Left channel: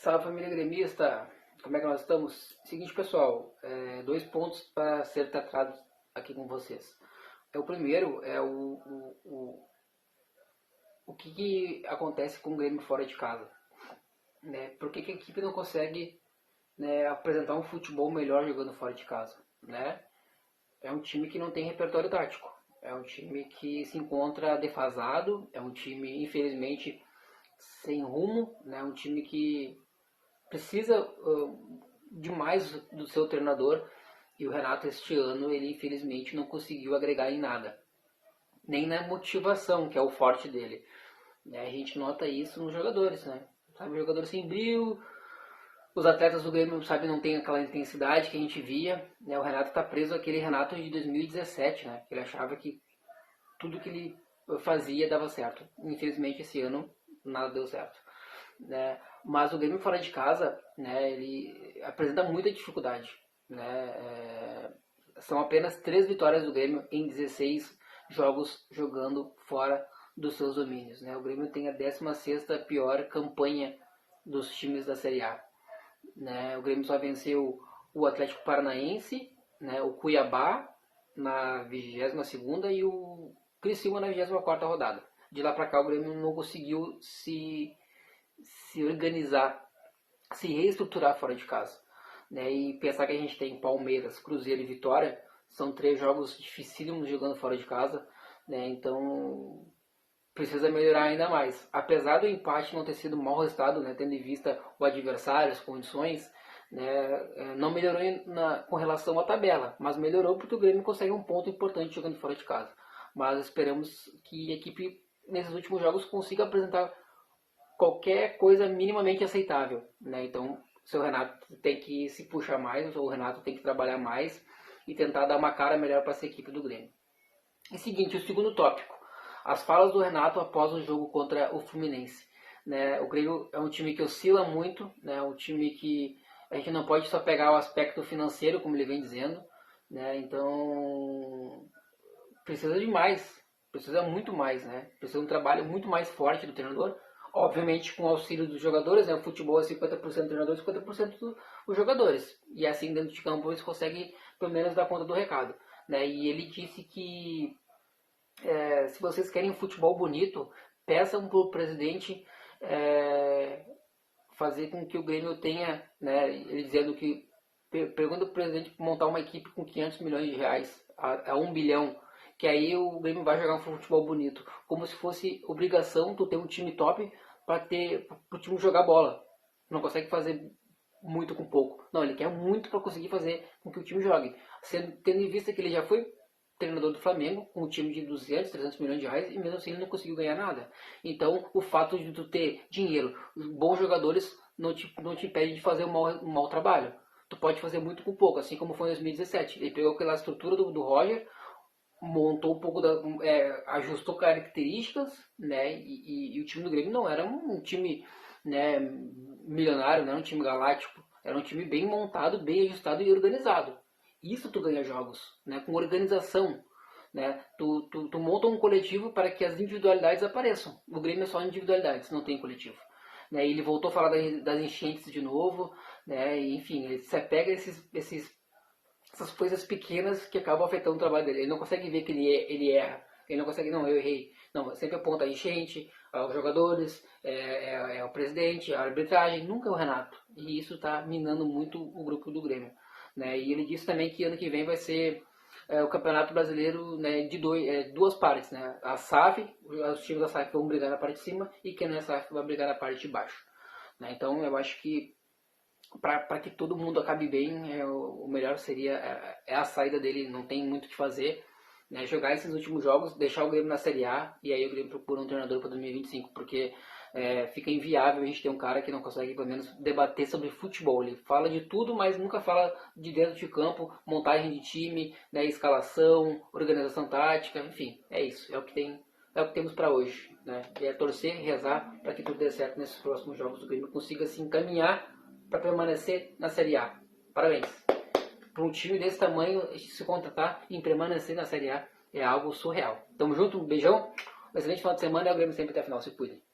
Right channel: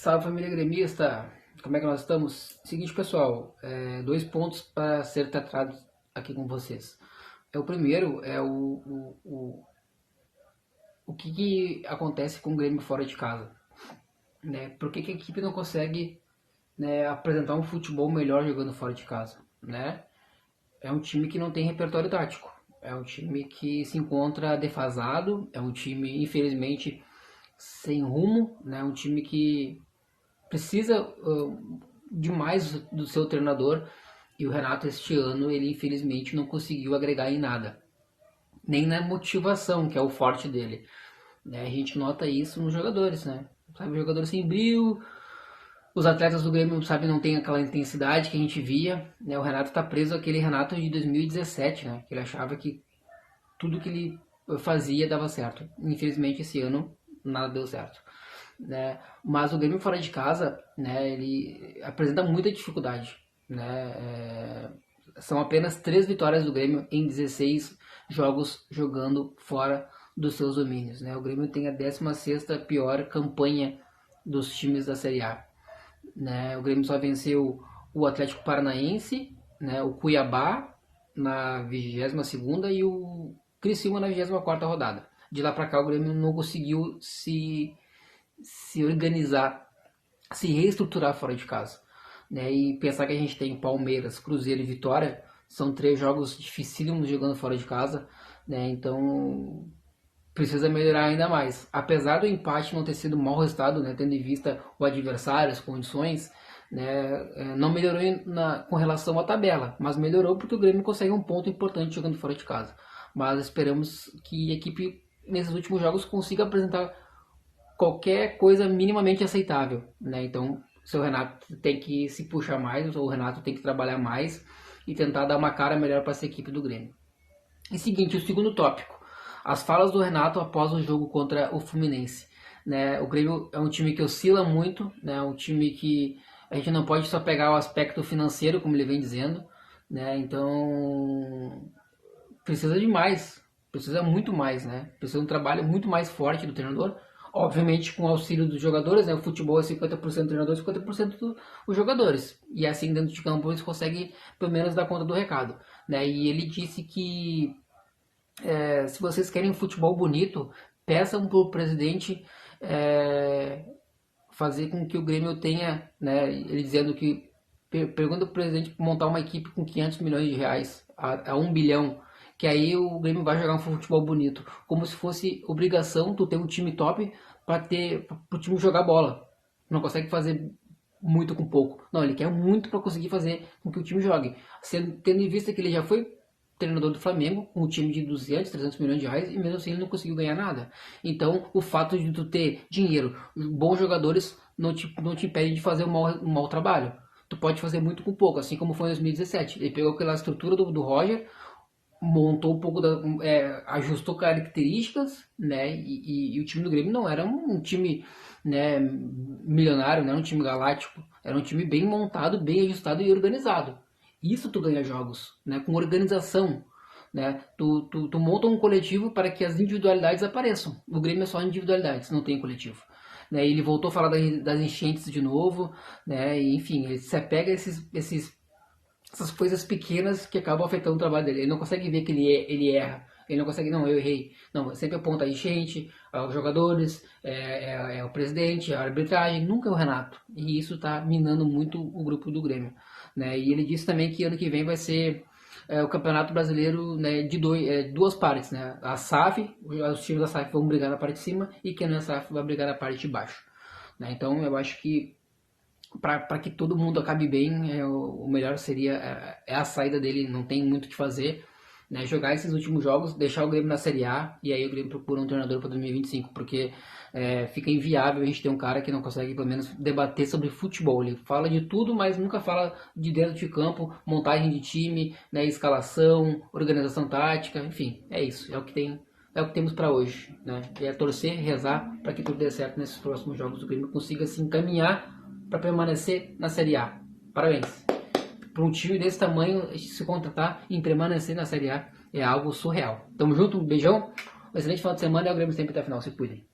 Salve, família gremista, como é que nós estamos? Seguinte, pessoal, 2 pontos para ser tratados aqui com vocês. O primeiro é o que acontece com o Grêmio fora de casa, né? Por que a equipe não consegue, né, apresentar um futebol melhor jogando fora de casa, né? É um time que não tem repertório tático, é um time que se encontra defasado, é um time, infelizmente, sem rumo, né? Um time que precisa demais do seu treinador, e o Renato este ano ele infelizmente não conseguiu agregar em nada, nem na motivação, que é o forte dele, né? A gente nota isso nos jogadores, né? Sabe, jogadores sem brilho, os atletas do Grêmio, sabe, não tem aquela intensidade que a gente via, né? O Renato está preso àquele Renato de 2017, né? Que ele achava que tudo que ele fazia dava certo. Infelizmente esse ano nada deu certo, né? Mas o Grêmio fora de casa, né, ele apresenta muita dificuldade, né? São apenas 3 vitórias do Grêmio em 16 jogos jogando fora dos seus domínios, né? O Grêmio tem a 16ª pior campanha dos times da Série A, né? O Grêmio só venceu o Atlético Paranaense, né, o Cuiabá na 22ª e o Criciúma na 24ª rodada. De lá para cá o Grêmio não conseguiu se organizar, se reestruturar fora de casa, né? E pensar que a gente tem Palmeiras, Cruzeiro e Vitória, são 3 jogos dificílimos jogando fora de casa, né? Então precisa melhorar ainda mais. Apesar do empate não ter sido um mau resultado, né, tendo em vista o adversário, as condições, né, não melhorou com relação à tabela, mas melhorou porque o Grêmio consegue um ponto importante jogando fora de casa. Mas esperamos que a equipe nesses últimos jogos consiga apresentar qualquer coisa minimamente aceitável, né? Então, o seu Renato tem que se puxar mais, o Renato tem que trabalhar mais e tentar dar uma cara melhor para essa equipe do Grêmio. E seguinte, o segundo tópico, as falas do Renato após o jogo contra o Fluminense, né? O Grêmio é um time que oscila muito, né? Um time que a gente não pode só pegar o aspecto financeiro, como ele vem dizendo, né? Então precisa de mais, precisa muito mais, né? Precisa de um trabalho muito mais forte do treinador, obviamente com o auxílio dos jogadores, né? O futebol é 50% do treinador e 50% dos jogadores, e assim dentro de campo eles conseguem pelo menos dar conta do recado, né? E ele disse que se vocês querem futebol bonito, peçam para o presidente fazer com que o Grêmio tenha, né? Ele dizendo que pergunta para o presidente montar uma equipe com 500 milhões de reais a 1 bilhão, que aí o Grêmio vai jogar um futebol bonito, como se fosse obrigação tu ter um time top para o time jogar bola. Não consegue fazer muito com pouco. Não, ele quer muito para conseguir fazer com que o time jogue. Tendo em vista que ele já foi treinador do Flamengo, com um time de 200, 300 milhões de reais, e mesmo assim ele não conseguiu ganhar nada. Então, o fato de tu ter dinheiro, bons jogadores, não te impede de fazer um mau trabalho. Tu pode fazer muito com pouco, assim como foi em 2017. Ele pegou aquela estrutura do Roger, montou um pouco, ajustou características, né? E o time do Grêmio não era um time, né, milionário, não era um time galáctico, era um time bem montado, bem ajustado e organizado. Isso tu ganha jogos, né? Com organização, né? Tu monta um coletivo para que as individualidades apareçam. O Grêmio é só individualidades, não tem coletivo. Né? Ele voltou a falar das enchentes de novo, né? E, enfim, ele se apega a essas coisas pequenas que acabam afetando o trabalho dele. Ele não consegue ver que ele erra. Ele não consegue, não, eu errei. Não, sempre aponta a enchente, aos jogadores, ao presidente, a arbitragem, nunca é o Renato. E isso está minando muito o grupo do Grêmio, né? E ele disse também que ano que vem vai ser o Campeonato Brasileiro, né, de duas partes, né? A SAF, os times da SAF vão brigar na parte de cima e quem não é SAF vai brigar na parte de baixo, né? Então eu acho que para que todo mundo acabe bem, o melhor seria a saída dele, não tem muito o que fazer, né? Jogar esses últimos jogos, deixar o Grêmio na Série A e aí o Grêmio procura um treinador para 2025, porque fica inviável a gente ter um cara que não consegue pelo menos debater sobre futebol. Ele fala de tudo, mas nunca fala de dentro de campo, montagem de time, né, escalação, organização tática, enfim, é isso, é o que temos para hoje, né? E é torcer, rezar para que tudo dê certo nesses próximos jogos, o Grêmio consiga se encaminhar para permanecer na Série A. Parabéns. Para um time desse tamanho, se contratar e permanecer na Série A é algo surreal. Tamo junto, um beijão, um excelente final de semana e o Grêmio sempre até a final. Se cuidem.